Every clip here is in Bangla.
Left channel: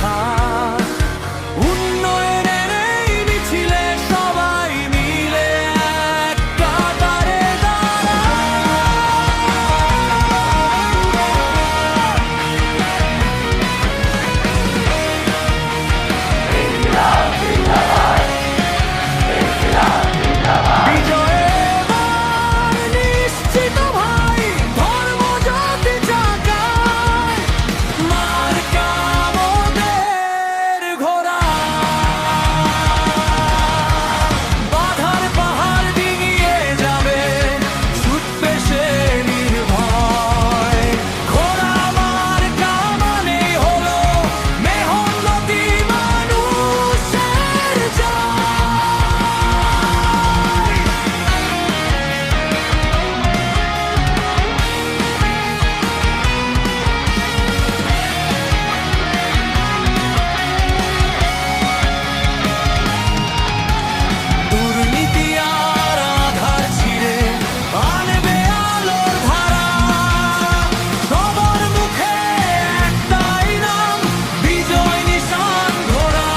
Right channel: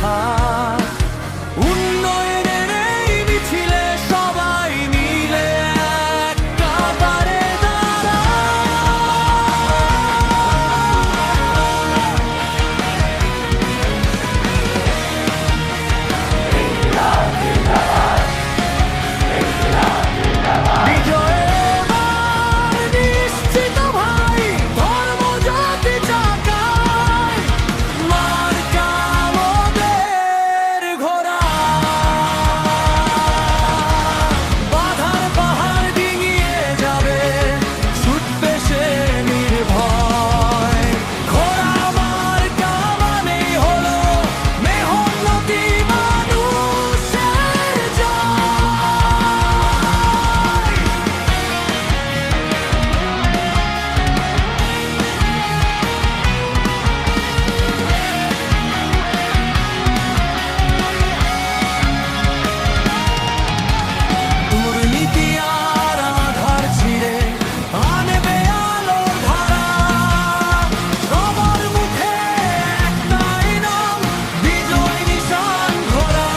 থাক। উন্নয়নের এই মিছিলে সবাই মিলে এক কাতারে দাঁড়ায়। বিজয় এবার নিশ্চিত ভাই, ধর্ম জাতি চাকায়, মার্কা মোদের ঘোড়া। বাধার পাহাড় ডিঙিয়ে যাবে, ছুটবে সে নির্ভয়। ঘোড়া মার্কা মানেই হলো মেহনতি মানুষের জয়। দুর্নীতি আর আধার ছিঁড়ে আনবে আলোর ধারা। সবার মুখে একটাই নাম, বিজয় নিশান ঘোড়া।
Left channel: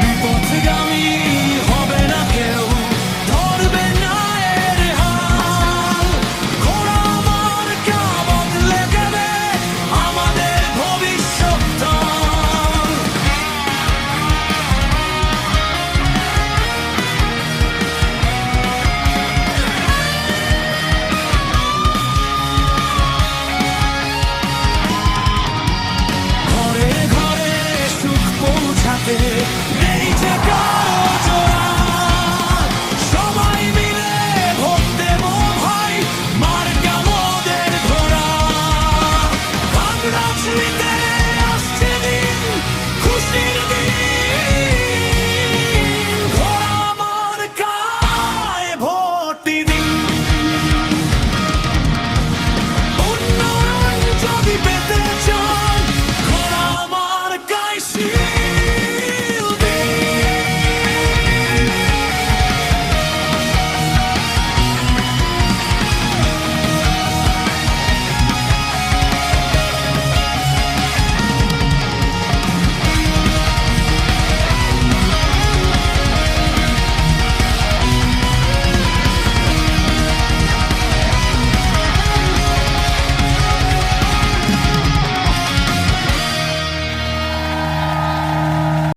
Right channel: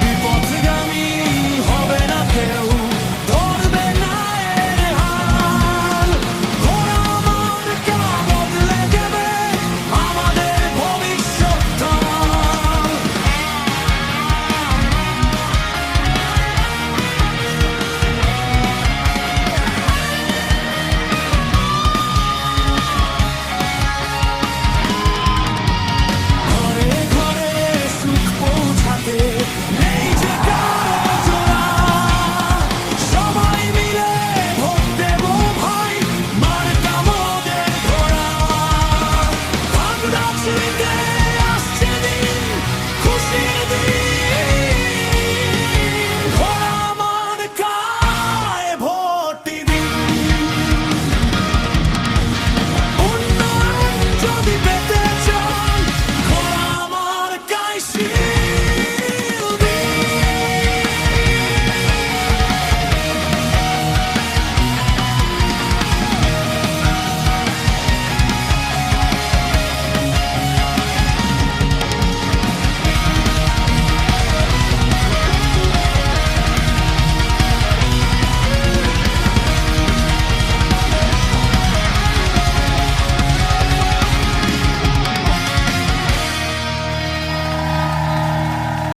বিপথগামী হবে না কেউ, ধরবে না এর হাল। ঘোড়া মার্কা বদলে দেবে আমাদের ভবিষ্যৎ। ঘরে ঘরে সুখ পৌঁছাতে নেই যে কারো